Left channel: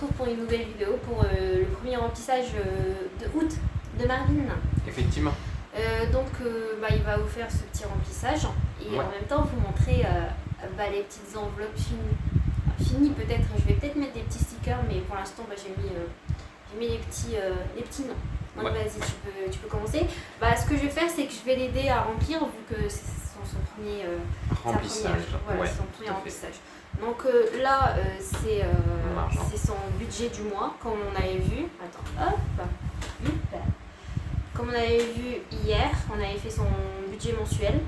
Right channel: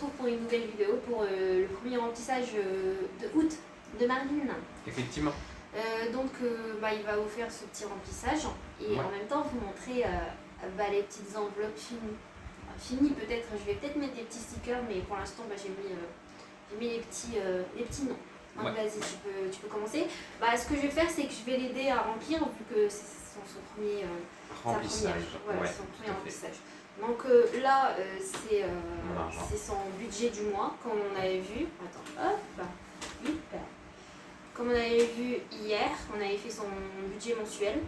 retrouve pour une nouvelle vidéo pour le premier remplissage de août de Marvin. Effectivement. Donc il va vous faire ce petit remplissage et Ouais. en même temps vous montrer les petites enveloppes finies peut-être. Je vais peut-être mettre des petits stickers, mais pour l'instant j'ai mis les petits noms. Donc Ouais. vas-y, tu peux commencer. Ce que je vais faire, c'est que je vais l'aider à remplir vu que c'est son premier Remplissage. Voilà, Ouais, son tout premier à fait. remplissage. Donc là, c'est son budget du mois, comme on avait vu. Attends, hop. Comme on avait vu hier, on avait fait son budget mensuel.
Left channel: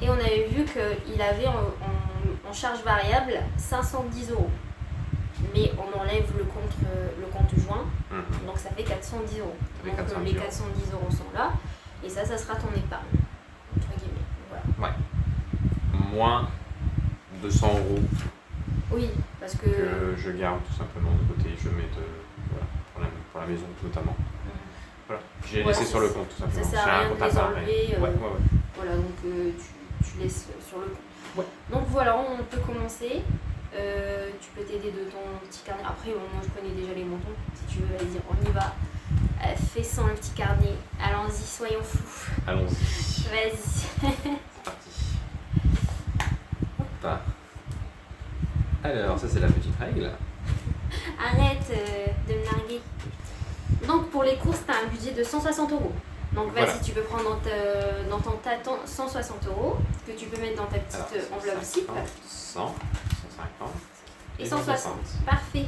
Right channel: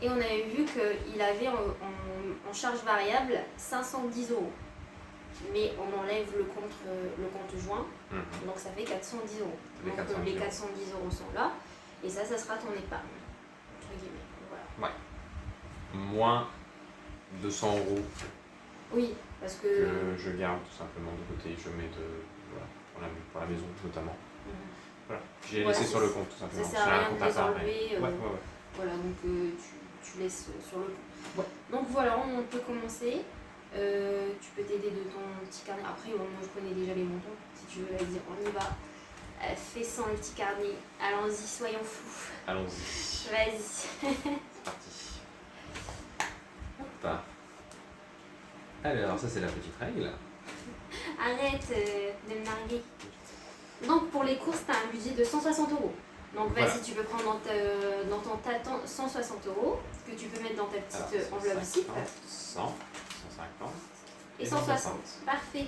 Et on avait vu qu'il avait en charge variable 510 €. Mais on enlève le compte joint, donc ça fait 410 €. Donc les 410 € sont là, et ça sera ton épargne, entre guillemets. Voilà. Ouais. Moins 200 € Oui, parce que je garde tout simplement de côté, je mets pour la maison notamment. Voilà. J'ai laissé sur le compte tout simplement. Ça sert à rien de les enlever. Ouais. Voilà, donc tu laisses sur le compte. Ouais. Donc voilà, on peut commencer. Tu peux t'aider de ton petit carnet. Après, moi je connais déjà les montants. Si tu veux, vas-y, on y va. Fais sans le petit carnet. Allons-y, soyons fous. Allons-y. Vas-y. C'est parti. Hop. Alors, ça c'est la petite règle. Arrête de me narguer. Donc pour les courses, tu as un budget de 160 €. Donc Voilà. vas-y, tu peux prendre dans ton tâton 160 € que tu peux mettre dans ta petite enveloppe zip. 100, 150 Et 160. Parfait.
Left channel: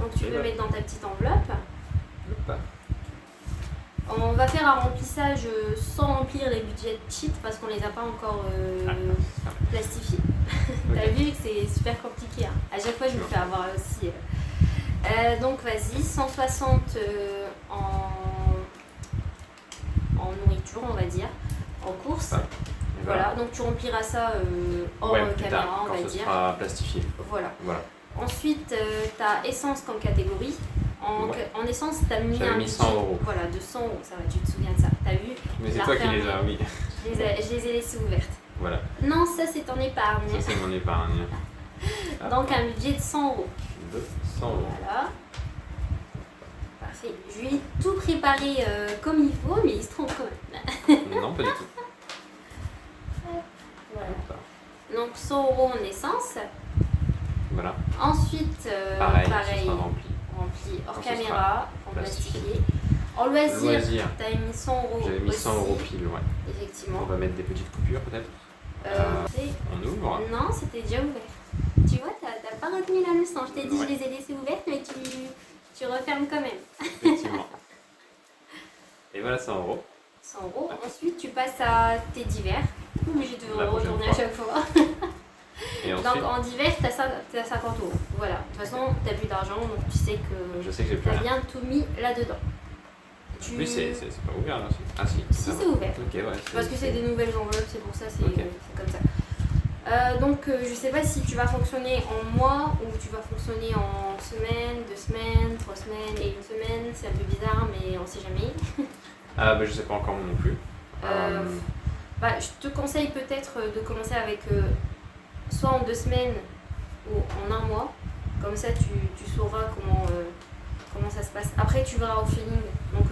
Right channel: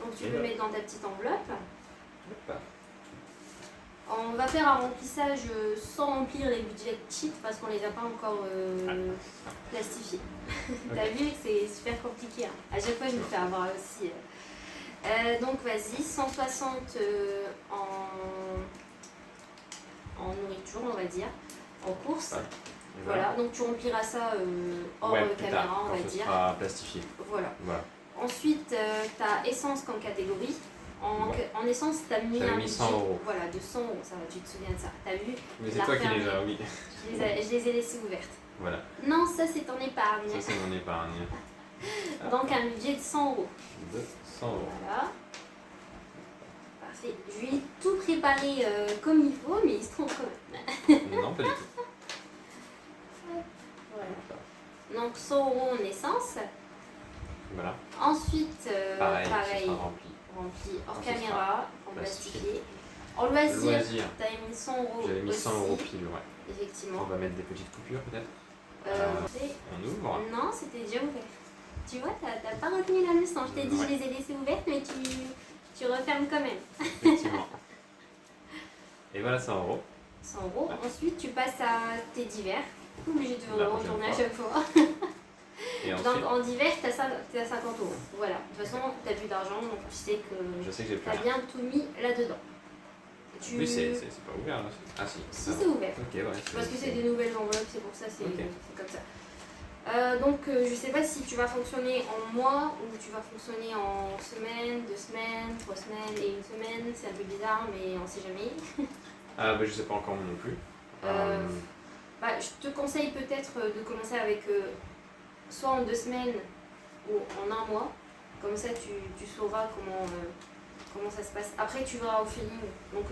Donc tu peux mettre dans ta petite enveloppe. Hop. On va faire un remplissage sans remplir les budgets cheat parce qu'on les a pas encore plastifiés. T'as vu que c'est super compliqué. Hein. À chaque fois, je me fais avoir aussi. Donc vas-y, 160 en nourriture, on va dire, en course. Voilà, donc tu rempliras ça hors caméra, on va dire. Ça sera plastifié. Voilà. Ensuite, tu as essence comme catégorie. En essence, tu as mis J'avais un mis 100 €. Voilà, de 100 €, ça va, tu te souviens de ça. Tu as vu? Mais c'est toi qui les as mis. Je les ai laissées ouvertes. Voilà. Non, ça c'est ton épargne. Ça c'est mon épargne. Donc un budget de 100 €. De 100 €. Voilà. Parfait. Je lui ai tout préparé comme il faut, mais il se trompe quand même. Non, pas du tout. Voilà. Donc 100 € en essence. Voilà. Ensuite, Pareil. Rempli hors Quand caméra, en plastifié. plastifié. En loisir, tu as mis 100 €. J'avais mis 100 € pile, ouais. Effectivement. On va mettre des petites coupures peut-être. On ouvre. Non, c'était déjà ouvert. Tu vois, t'as pas retenu la leçon. Je t'ai dit, je les ai laissées ouvertes, mais tu refermes quand même. Effectivement. Et voilà 100 €. 100 €. Ensuite, tu passes à tes divers. Obligé de retourner à chaque fois. Et ensuite, donc en divers, tu as 50 €. Voilà. De toute façon, tu n'as plus d'argent, donc tu sais que je sais que j'ai tu plus as rien. bien tout mis là-dedans. Oui, c'est pas ouvert là. Ah si. Si, c'est ouvert. Ok, ouais. Parce que c'est des nouvelles enveloppes, c'est pour ça, c'est Ok. comme ça. Donc je sais pas si tu vas fonctionner en mois ou tu vas fonctionner en semaine, 2 semaines, 3 semaines et 1 semaine. C'est un peu bizarre, mais on sait jamais. Je sais pas encore moi non plus. Je te conseille peut-être de commencer avec soit en 2 semaines ou en 1 mois. Comme ça, tu sauras comment ça se passe. Après, tu verras au feeling. Donc,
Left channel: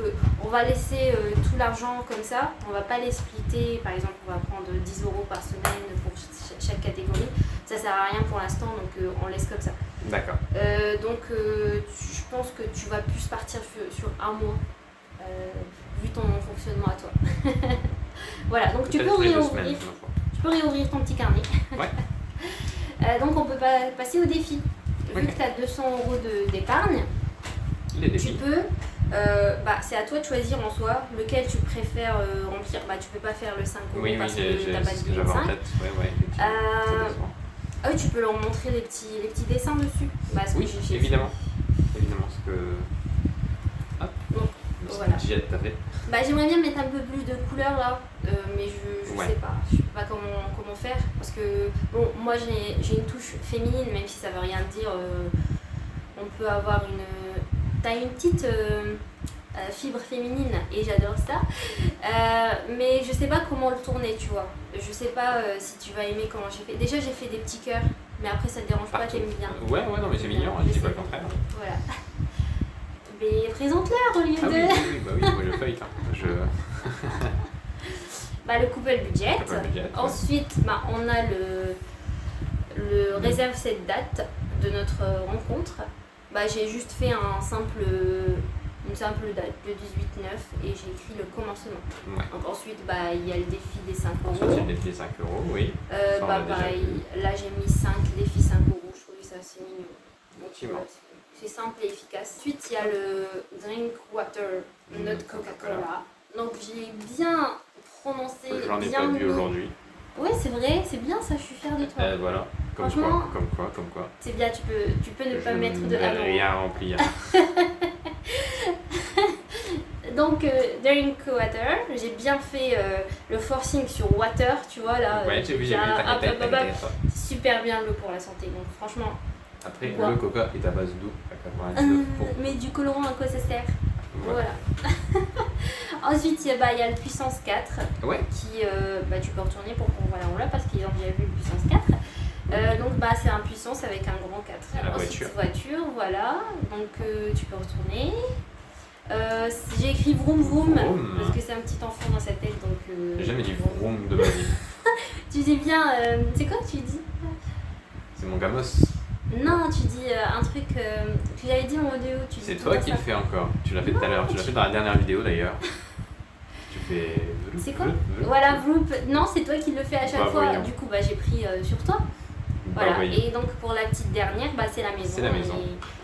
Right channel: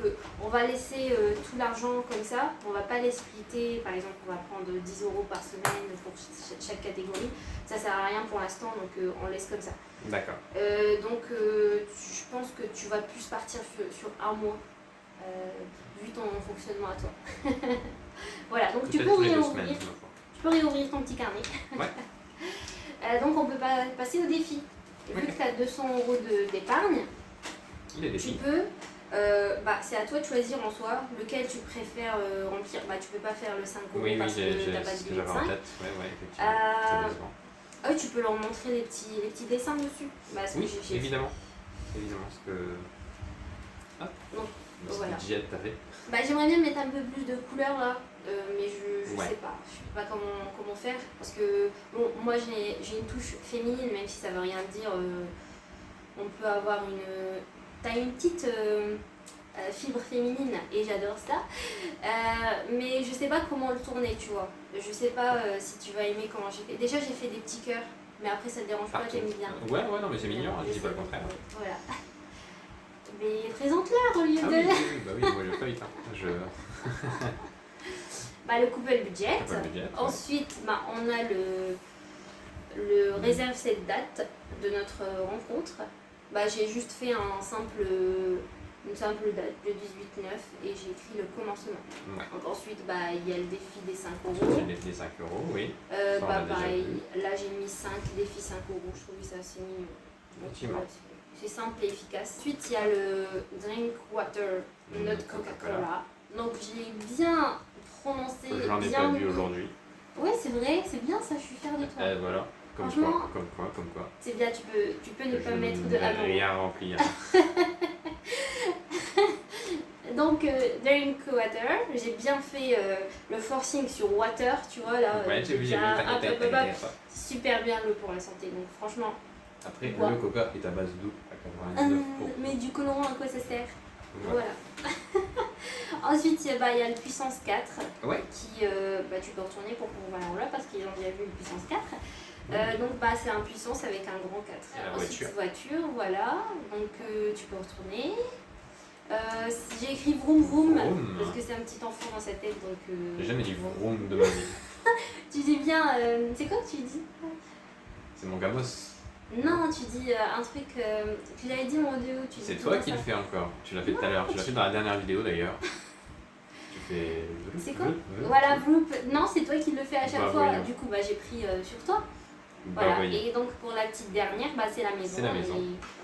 on va laisser tout l'argent comme ça. On va pas les splitter. Par exemple, on va prendre 10 € par semaine pour chaque catégorie. Ça sert à rien pour l'instant, donc on laisse comme ça. D'accord. Je pense que tu vas plus partir sur 1 mois, vu ton fonctionnement à toi. Voilà, donc tu peux réouvrir ton petit carnet. Ouais. Donc on peut passer au défi. Vu que tu as 200 € d'épargne, tu peux, c'est à toi de choisir en soi lequel tu préfères remplir. Tu peux pas faire le 5 € parce que tu n'as pas de budget de 5. Oui, tu peux leur montrer les petits dessins dessus. Oui, évidemment. Parce que... Donc, voilà. J'aimerais bien mettre un peu plus de couleurs là, mais je sais pas. Je sais pas comment faire. Parce que moi j'ai une touche féminine, même si ça veut rien dire. On peut avoir t'as une petite fibre féminine et j'adore ça. Mais je sais pas comment le tourner, tu vois. Je sais pas si tu vas aimer comment j'ai fait. Déjà j'ai fait des petits cœurs, Mais après, ça te dérange pas, t'aimes bien. Ouais, non, mais c'est mignon, je dis pas le contraire. Voilà. Mais présente-leur au lieu Ah de... oui, moi je feuille. Le couple budget. Ensuite, on a le réserve cette date de notre rencontre. J'ai juste fait une simple date, le 18-9, et j'ai écrit le commencement. Ouais. Donc ensuite, il y a le défi des 5 euros. Ensuite, il y a le défi des 5 euros, oui. Pareil, là j'ai mis 5 défis 5 euros, je trouvais ça assez mignon. Effectivement. C'est simple et efficace. Ensuite, il y a le drink water, not Coca-Cola. Donc j'ai bien prononcé. J'en ai pas vu aujourd'hui. Ouais, c'est vrai, c'est bien ça, je suis fière de toi. Voilà. Comme quoi. C'est bien, tu peux ne pas mettre de avant. Je n'ai rien rempli. Donc, drink water, j'ai bien fait le forcing sur water, tu vois là. Ouais, j'ai vu, super bien l'eau pour la santé, donc franchement. Après, le coca est à base d'eau à 99%. Mais du colorant, à quoi ça sert? Voilà. Ensuite, il y a le puissance 4 qui, tu peux retourner pour qu'on voit en là parce qu'ils ont déjà vu le puissance 4. Donc c'est un puissance avec un grand 4. La Ensuite, voiture, voilà. Donc tu peux retourner. J'ai écrit vroom vroom parce que c'est un petit enfant dans sa tête. Donc j'ai jamais dit vroom de ma vie. Tu dis bien, c'est quoi que tu dis? C'est mon gamos. Non, tu dis un truc, tu l'avais dit en audio. C'est toi qui le fais encore. Tu l'as fait tout à l'heure. Tu l'as fait dans la dernière vidéo d'ailleurs. Tu fais. C'est quoi? Voilà, vroom. Non, c'est toi qui le fais à chaque fois. Voyons. Du coup, j'ai pris sur toi. Voilà. Et donc pour la petite dernière, c'est la maison. C'est la maison.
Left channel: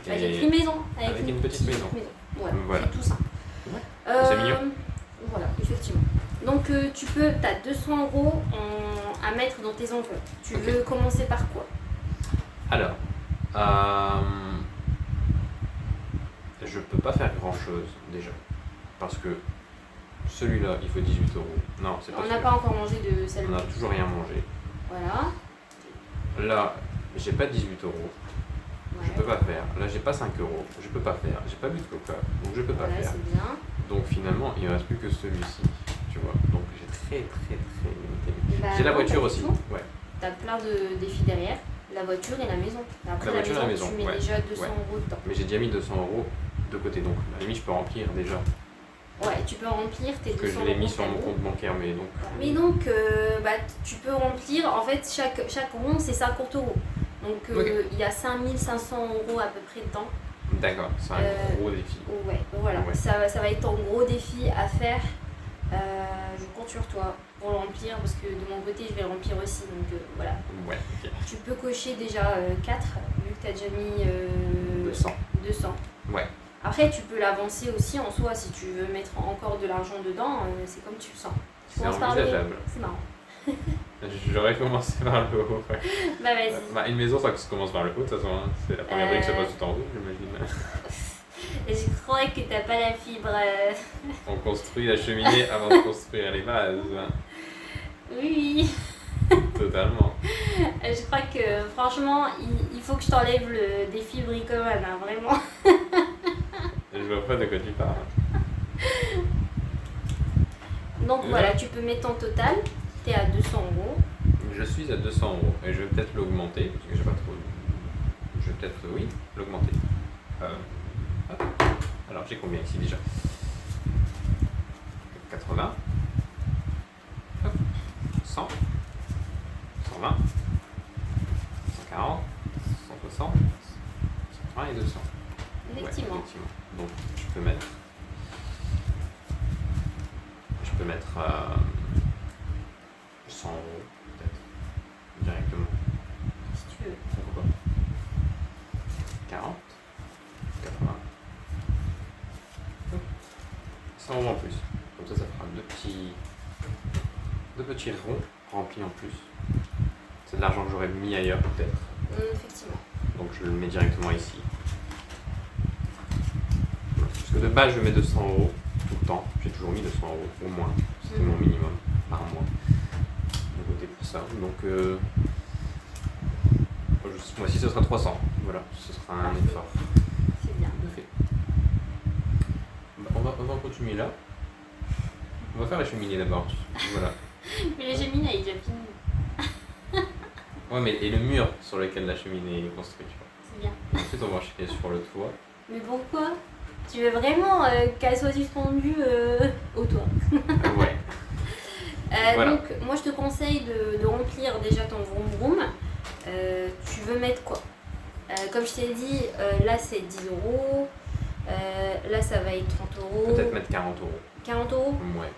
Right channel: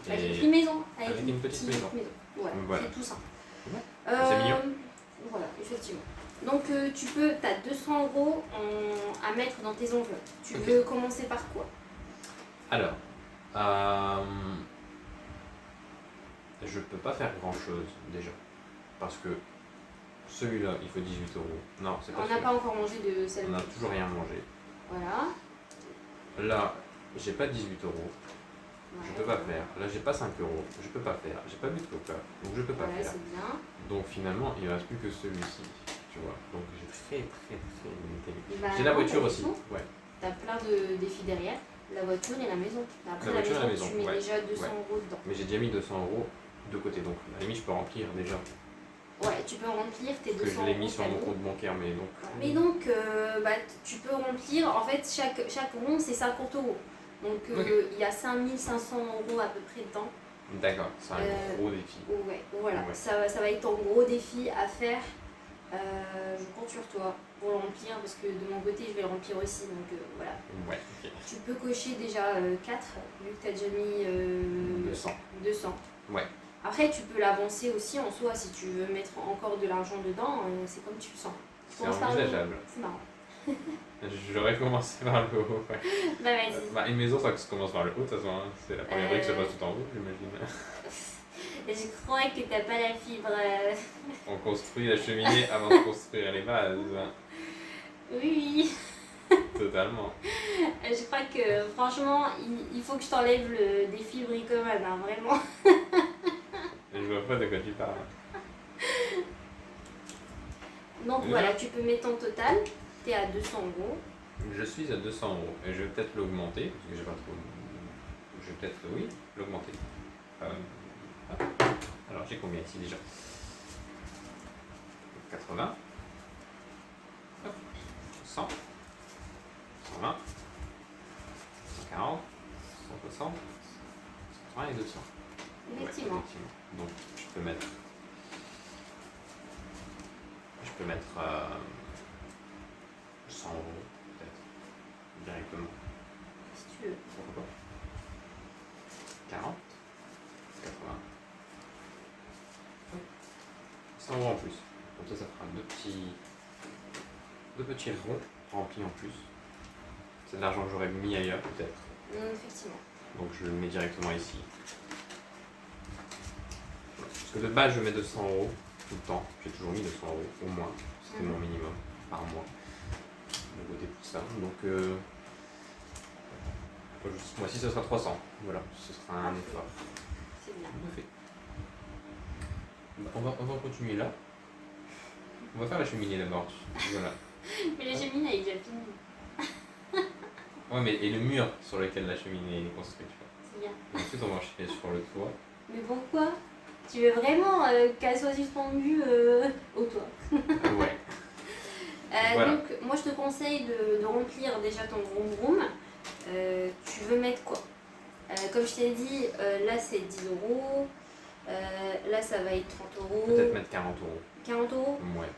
J'ai écrit maison. Avec une petite maison. Voilà. C'est tout ça. C'est mignon. Voilà, effectivement. Donc tu as 200 euros à mettre dans tes enveloppes. Tu veux commencer par quoi? Alors, je peux pas faire grand chose déjà. Parce que celui-là, il faut 18 euros. Non, c'est pas. On n'a pas encore mangé de celle-là. On n'a toujours rien mangé. Voilà. Là, j'ai pas 18 euros. Ouais. Je peux pas faire. Là, j'ai pas 5 euros. Je peux pas faire. J'ai pas bu de coca. Donc, je peux pas faire. C'est bien. Donc, finalement, il ne reste plus que celui-ci. Tu vois. Donc, j'ai très limité. J'ai la voiture aussi. Ouais. T'as plein de défis derrière. La voiture et la maison. Après, la maison, tu mets déjà 200 euros dedans. Mais j'ai déjà mis 200 euros de côté. Donc, à la limite, je peux remplir déjà. Ouais, tu peux remplir tes 200 euros. Que je l'ai mis sur mon compte bancaire, mais donc. Mais donc, tu peux remplir. En fait, chaque rond, c'est 50 euros. Donc, il y a 5500 euros à peu près dedans. D'accord, c'est un gros défi. Ouais, voilà. Ouais. Ça va être ton gros défi à faire. Je compte sur toi pour le remplir parce que de mon côté, je vais le remplir aussi. Donc, voilà. Ouais, ok. Tu peux cocher déjà 4, vu que tu as déjà mis 200. Ouais. Après, tu peux l'avancer aussi en soi si tu veux mettre encore de l'argent dedans, c'est comme tu le sens. C'est envisageable. C'est marrant. J'aurais commencé par le haut. Ouais. Vas-y. Une maison, ça commence par le haut, de toute façon. Hein. C'est la première brique qui se passe tout en haut, j'imagine. Je crois que t'as pas la fibre. On construit la cheminée avant de construire les bases. Oui. Totalement. Je crois que franchement, il faut que je t'enlève le défi bricomane, hein, vraiment. Je vois pas de quoi tu parles. Donc voilà, tu peux mettre ton total. T'es à 200 euros. Je suis à 200 euros et je vais peut-être l'augmenter parce que j'ai pas trop. Je vais peut-être, l'augmenter. Alors j'ai combien ici déjà? 80. Hop. 100. 120. 140. 160. 120 et 200. Effectivement. Ouais, effectivement. Donc je peux mettre 100 euros peut-être directement. Si tu veux. Pourquoi pas 40, 80. 100 euros en plus. Comme ça fera deux petits ronds remplis en plus. C'est de l'argent que j'aurais mis ailleurs peut-être. Effectivement. Donc je le mets directement ici. Parce que de base je mets 200 euros tout le temps. J'ai toujours mis 200 euros au moins. C'était mon minimum par mois. De côté pour ça. Donc ce mois-ci ce sera 300. Voilà, ce sera un effort. C'est bien. Fait. On va continuer là. On va faire la cheminée d'abord. Voilà. Mais la cheminée elle est déjà finie. Ouais, mais et le mur sur lequel la cheminée est construite, tu vois. C'est bien. Et ensuite, on va enchaîner sur le toit. Mais pourquoi? Tu veux vraiment qu'elle soit suspendue au toit? Ouais. Voilà. Donc, moi, je te conseille de remplir déjà ton vroom vroom. Tu veux mettre quoi? Comme je t'ai dit, là, c'est 10 euros. Là, ça va être 30 euros. Peut-être mettre 40 euros. 40 euros? Ouais.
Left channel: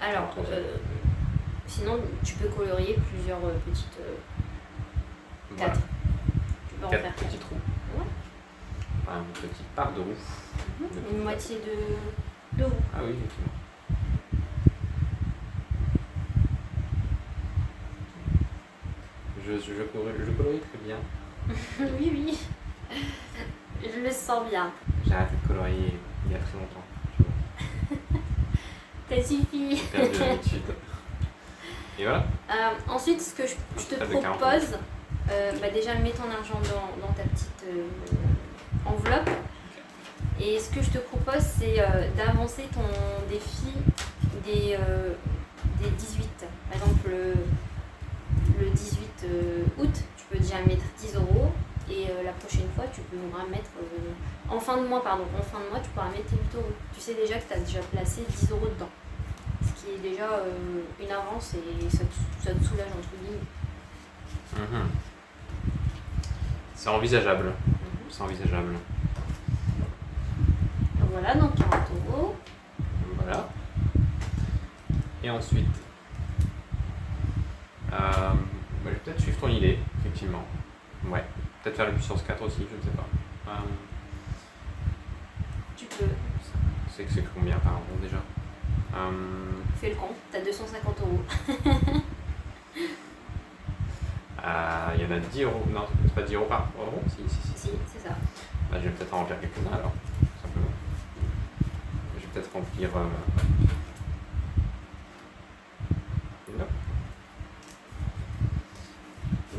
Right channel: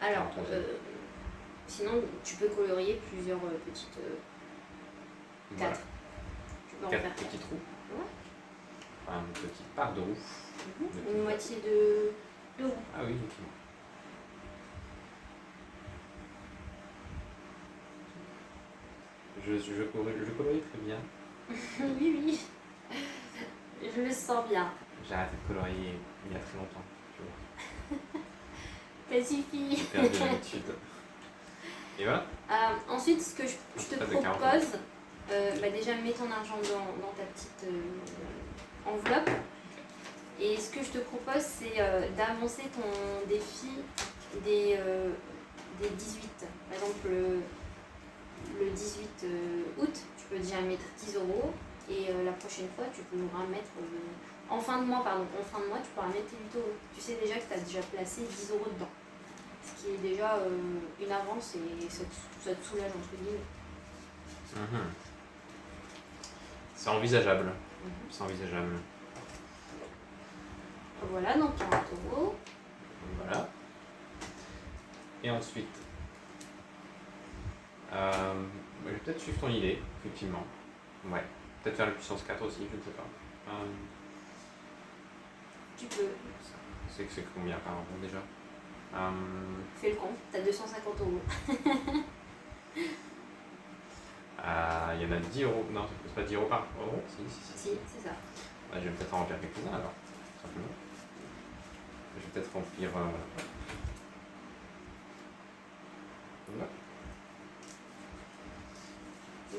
Alors, sinon, tu peux colorier plusieurs petites... 4. Voilà. Tu peux en 4 faire petits 4. trous. Ouais. Enfin, une petite part de roue. Une moitié de roue. Ah oui, effectivement. Je colorie très bien. Oui. Je le sens bien. J'ai arrêté de colorier il y a très longtemps. Tu vois. Ça suffit. J'ai perdu l'habitude. Et voilà. Ensuite, ce que je te propose, déjà mets ton argent dans ta petite enveloppe. Et ce que je te propose, c'est d'avancer ton défi des 18. Par exemple, le 18 août, tu peux déjà mettre 10 euros. Et la prochaine fois, tu pourras mettre, en fin de mois, tu pourras mettre 8 euros. Tu sais déjà que tu as déjà placé 10 euros dedans. Ce qui est déjà une avance et ça te soulage entre guillemets. C'est envisageable. C'est envisageable. Voilà, donc 40 euros. Voilà. Et ensuite, je vais peut-être suivre ton idée, effectivement. Ouais. Peut-être faire la puissance 4 aussi, je ne sais pas. Tu peux. C'est combien par an déjà? Fais le compte, t'as 250 euros. Il y en a 10 euros. Non, c'est pas 10 euros par euro? Si, c'est ça. Je vais peut-être en remplir quelques-uns alors, tout simplement. Je vais peut-être remplir.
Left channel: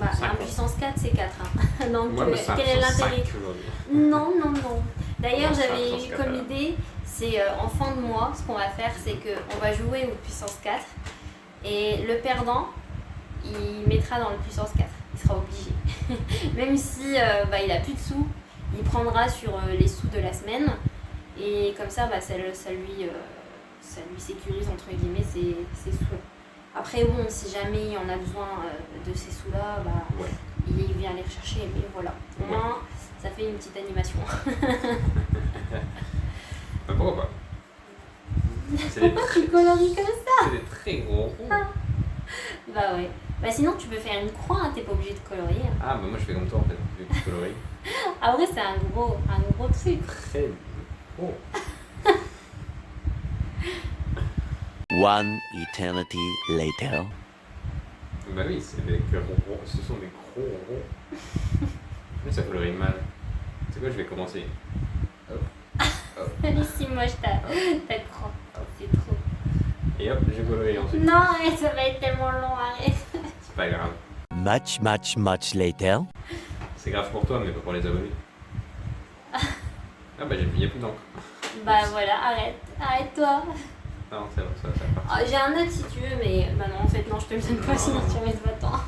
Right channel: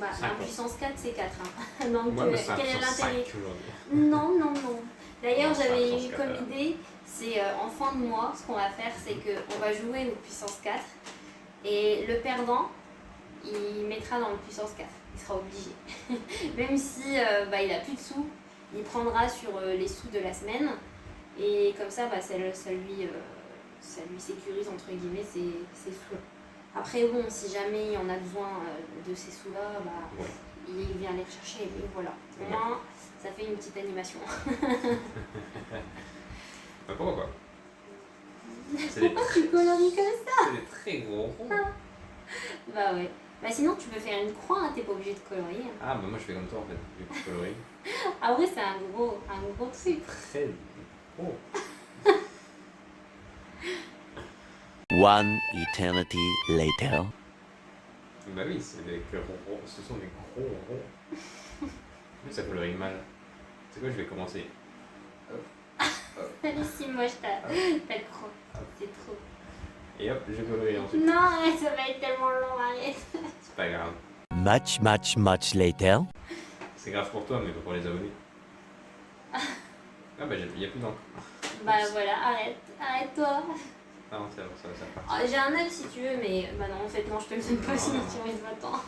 En puissance 4, c'est 4. Hein. Donc, ouais, quel est l'intérêt? Non. D'ailleurs, j'avais eu comme idée, c'est en fin de mois, ce qu'on va faire, c'est qu'on va jouer au puissance 4 et le perdant, il mettra dans le puissance 4. Il sera obligé. Même si il a plus de sous, il prendra sur les sous de la semaine et comme ça, ça lui sécurise entre guillemets ses sous. Après, bon, si jamais il en a besoin de ces sous-là, il vient les rechercher. Mais voilà, au moins, ça fait une petite animation. Pourquoi pas? Pourquoi tu colories comme ça? C'est des très gros ronds. Ouais. Sinon, tu peux faire une croix, hein, t'es pas obligé de colorier. Ah, moi je fais comme toi en fait, vu que tu colories. Ah ouais, c'est un gros truc. Très gros. One eternity later. Bah oui, ce sont des gros ronds. Mais ça colorie mal. C'est quoi, je vais commencer. Allez, si moi je ta croix. C'est trop. Et hop, j'ai coloré ensuite. Non, ça va être tellement long, arrête. C'est pas grave. Much later. C'est grave pour toi, mais pas pour les abonnés. Ah bah il n'y a plus d'encre. Voilà, arrête-toi. Non, ça va. J'ai un autre si tu veux, mais non, en fait, non, je te le donne pas, sinon tu mets pas temps.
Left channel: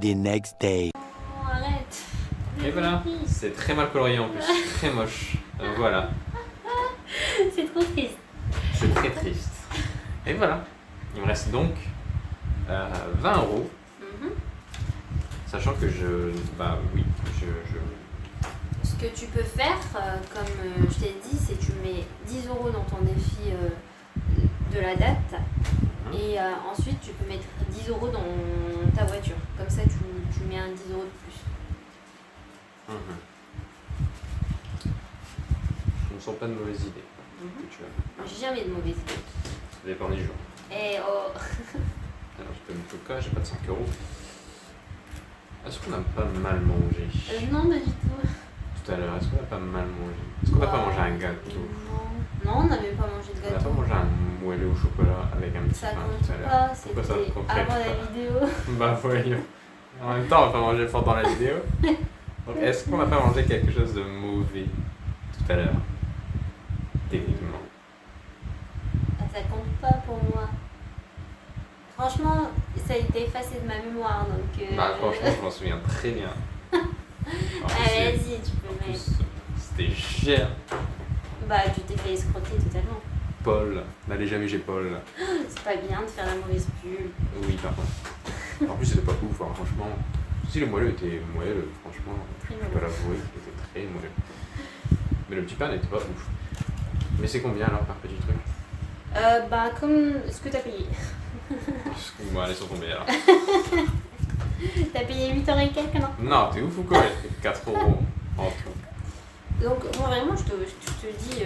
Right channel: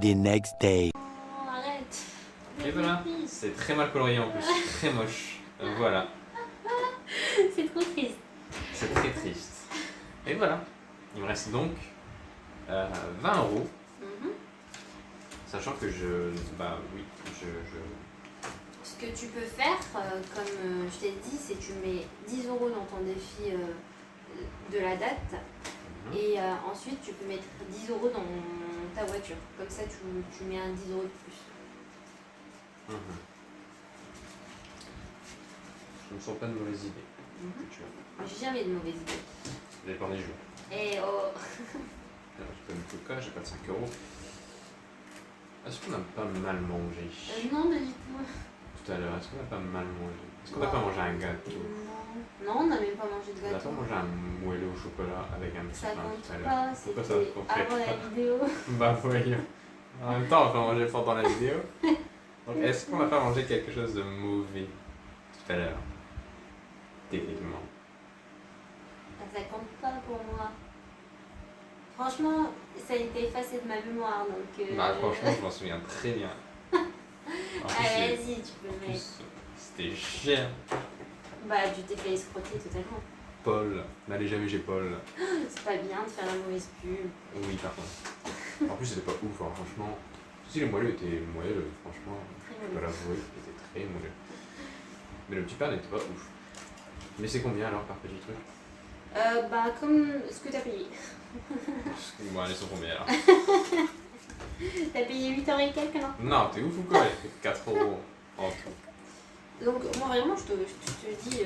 The next day. Oh, arrête. Et voilà, c'est très mal colorié en plus, très moche. Voilà, C'est trop triste. c'est très triste. Et voilà, il me reste donc 20 euros. Sachant que Ce que tu peux faire, comme je t'ai dit, c'est que tu mets 10 euros dans ton défi de la date. Et ensuite, tu peux mettre 10 euros dans ta voiture. Comme ça, tu mets un 10 euros de plus. Je ne sens pas de mauvaise idée. Que tu as. J'ai jamais de mauvaises idées. Ça dépend des jours. Eh oh. Alors, je peux mettre au cas, j'ai pas de 5 euros. Est-ce qu'on n'a pas mal mangé Non, pas du tout. tout à l'heure? Est-ce qu'on n'a pas mal mangé? Est-ce qu'on n'a pas mangé un gâteau? Non, on n'a même pas mangé de On n'a gâteau. pas mangé un moelleux au chocolat avec un petit Ça pain compte tout à l'heure? pas, Pourquoi ça c'était compte avant la vidéo. Bah voyons. En même temps, on va pas manger pendant la vidéo. Donc est-ce qu'on n'a pas mangé quelque chose de mauvais tout à l'heure? Techniquement. Ça compte pas pour moi. Franchement, ça ça a été effacé de ma mémoire. Donc, Bah franchement, je m'en souviens très bien. Allez, vas-y, tu peux En mettre. plus, c'était cher. Bah, tu t'es fait escroquer totalement. Paul, n'allez jamais chez Paul. C'est pas bien de faire la mauvaise pub. Oui, par contre. En plus, c'était pas ouf, hein, franchement. Si le moelleux était moelleux, franchement, Très je dois l'avouer, il était très moelleux. Mais le petit pain n'était pas ouf. Mais c'est combien alors par petit truc? Bah, comme ce que t'as payé. Bon, allez, sont combien alors? T'as payé 8 € et quelques, non? Non, t'es ouf ou quoi? 4 € en tout. Donc, moi, vraiment, je te dis,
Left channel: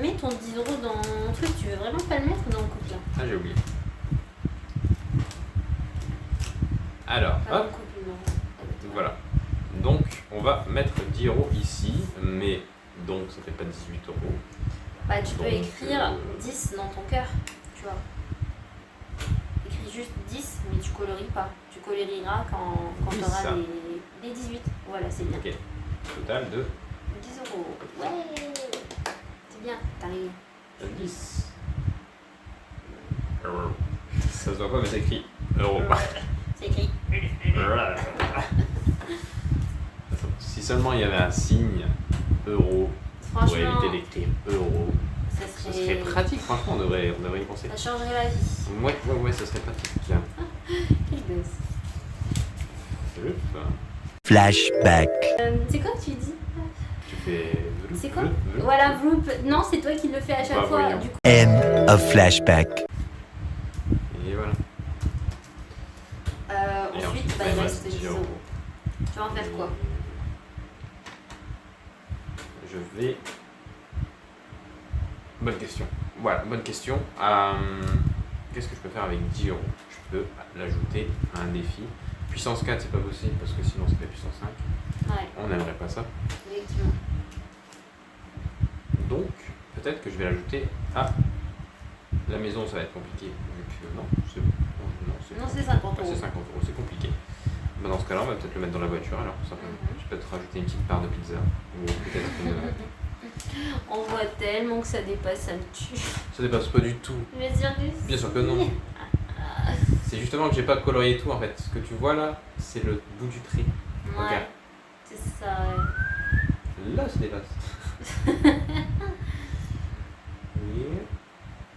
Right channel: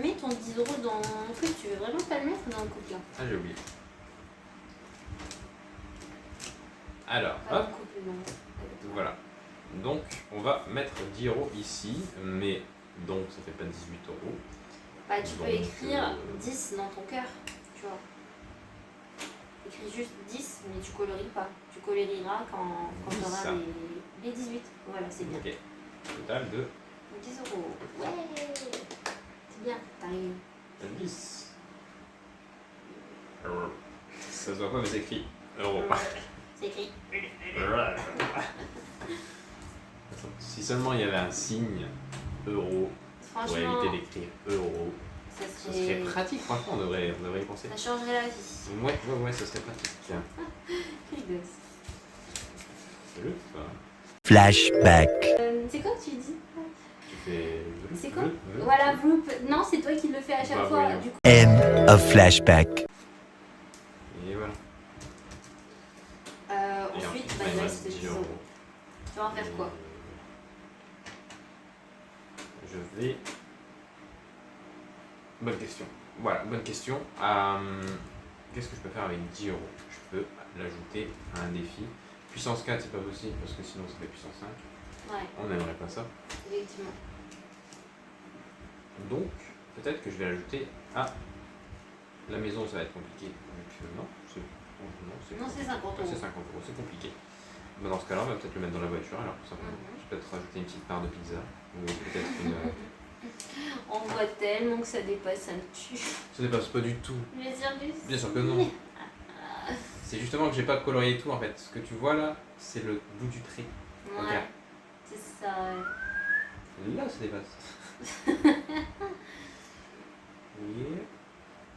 mets ton 10 € dans le truc. Tu veux vraiment pas le mettre dans le couple là? Ah, j'ai oublié. Alors, Pas dans hop, le couple, non. voilà. Donc, on va mettre 10 € ici, mais donc ça fait pas 18 €. Bah, tu peux Donc, écrire 10 dans ton cœur, tu vois. Écris juste 10, mais tu colories pas. Tu colorieras quand Oui, tu auras ça. les 18. Voilà, c'est bien. Ok. Total de 10 €. Ouais. C'est bien, t'arrives. 10 €. Ça se voit pas, mais c'est écrit euro. C'est écrit. Si seulement il y avait un signe euro pour Franchement, éviter d'écrire euro, ça ce serait. serait pratique, franchement, on devrait y penser. Ça changerait la vie. Ouais, ça serait pratique. Tiens. Quel gosse. C'est le ça. Flashback. C'est quoi que tu dis? Tu fais. C'est quoi? Voilà, Vroop. Non, c'est toi qui le fais à chaque Bah, fois. voyons. Du coup. End of flashback. Et voilà. Et Ensuite, bah, il il me reste 10 10 €. €. Tu vas en faire quoi? Je vais. Bonne question. Voilà, bonne question. Qu'est-ce que je peux faire avec 10 €? Je peux l'ajouter à un défi. Puissance 4, c'est pas possible parce que sinon ça fait puissance 5. Ouais, On n'aimerait pas ça. effectivement. Donc, peut-être que je vais l'ajouter à la maison, ça va être compliqué. Vu que non, c'est Non, c'est 50 Ah, €. c'est 50 €, c'est compliqué. Bah, dans ce cas-là, on va peut-être le mettre dans la voiture alors, tout simplement. Je vais peut-être rajouter une petite part de pizza. Ou peut-être une. On voit tellement que ça dépasse, ça me tue. Ça dépasse pas du tout. Je vais dire juste. Bien sûr que non. C'est justement que j'ai pas colorié tout en fait. Ce que tu vois là, c'est le bout du trait. Ouais, Regarde. c'est ça. Ouais. Là, ça dépasse. Oui.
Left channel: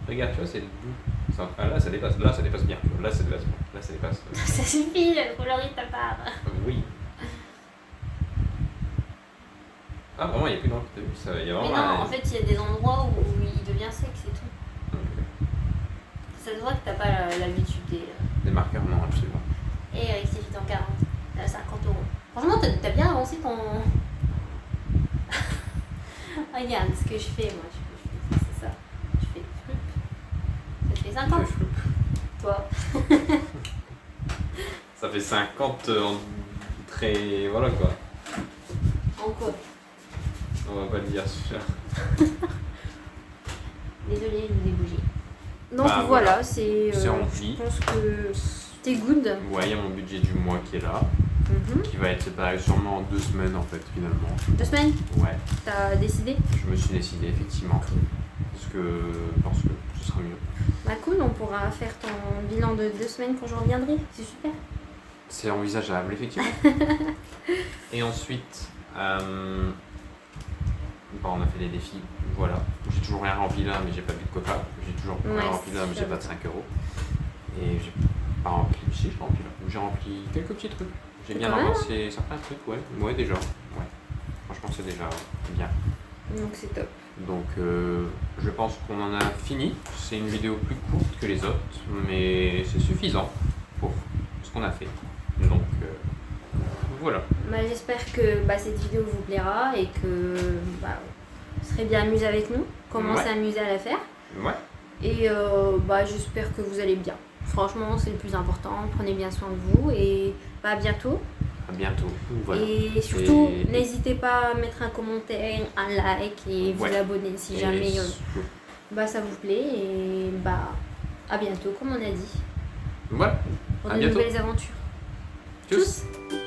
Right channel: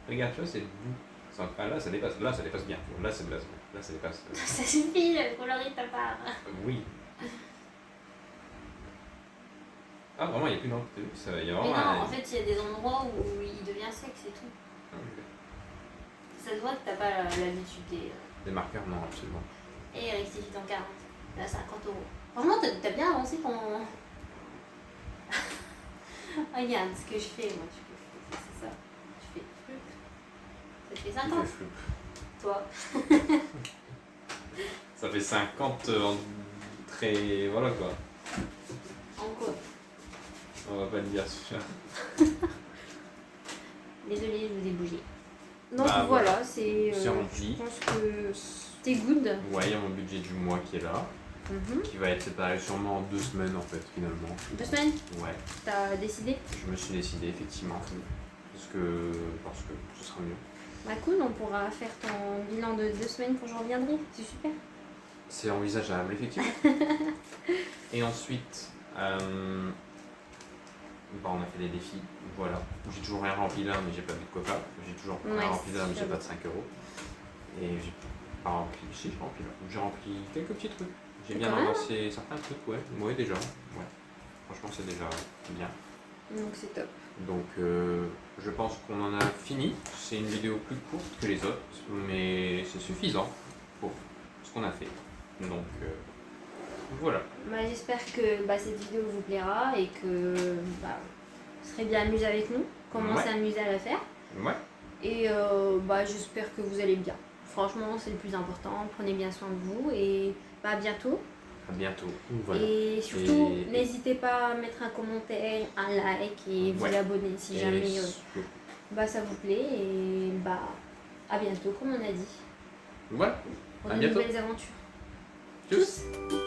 Regarde, tu vois, c'est le bout. Ah, là, ça dépasse. Là, ça dépasse bien. Là, ça dépasse. Là, ça dépasse. Ça suffit, colorie ta part. Oui. Ah, vraiment, il n'y a plus d'encre. Il y a Mais vraiment non, en fait, il y a des endroits où il devient sec, c'est tout. Ça se voit que t'as pas l'habitude Des marqueurs, non, absolument. Et rectifie ton 40. À 50 €. Franchement, t'as bien avancé ton. Regarde ce que je fais, moi. C'est ça. Je fais flip. Ça fait 50. Je fais flip. Toi. Ça fait 50 en très. Voilà quoi. En quoi? On va pas le dire, celui-là. Désolée, je vous ai bougé. Donc Bah, voilà, c'est. C'est rempli. Je pense que c'est good. Ouais, il y a mon budget du mois qui est là. Qui va être séparé sûrement en 2 semaines en fait, finalement. 2 semaines? Ouais, T'as décidé? je me suis décidé effectivement. Parce que ce sera mieux. Bah cool, on pourra faire ton bilan de 2 semaines quand je reviendrai. C'est super. C'est envisageable, effectivement. Et ensuite, bon, on a fait des défis. Voilà. J'ai toujours rien rempli là, mais j'ai pas bu de coca. J'ai toujours rien Ouais, rempli là, mais j'ai c'est pas de 5 €. Et j'ai pas rempli. Si, j'ai rempli là. J'ai rempli quelques petits trucs. J'ai bien Quand même. avancé certains trucs, ouais. Ouais, déjà. Ouais. Franchement, c'est déjà bien. Donc c'est top. Donc, je pense qu'on en a fini. C'est une vidéo plus courte que les autres, mais c'est suffisant pour ce qu'on a fait. Donc, voilà. Bah, j'espère que cette vidéo vous plaira et que vous serez bien amusés avec nous. Comment Ouais. s'amuser à la faire. Ouais. Et j'espère que vous allez bien. Franchement, c'est le plus important. Prenez bien soin de vous et à bientôt. À bientôt. Voilà. Et surtout, Et- n'hésitez pas à mettre un commentaire, un like et vous Ouais. abonner si Et jamais ça vous plaît. Et à bientôt, comme on a dit, Voilà. pour À de bientôt. nouvelles aventures. Tchuss. Tchuss.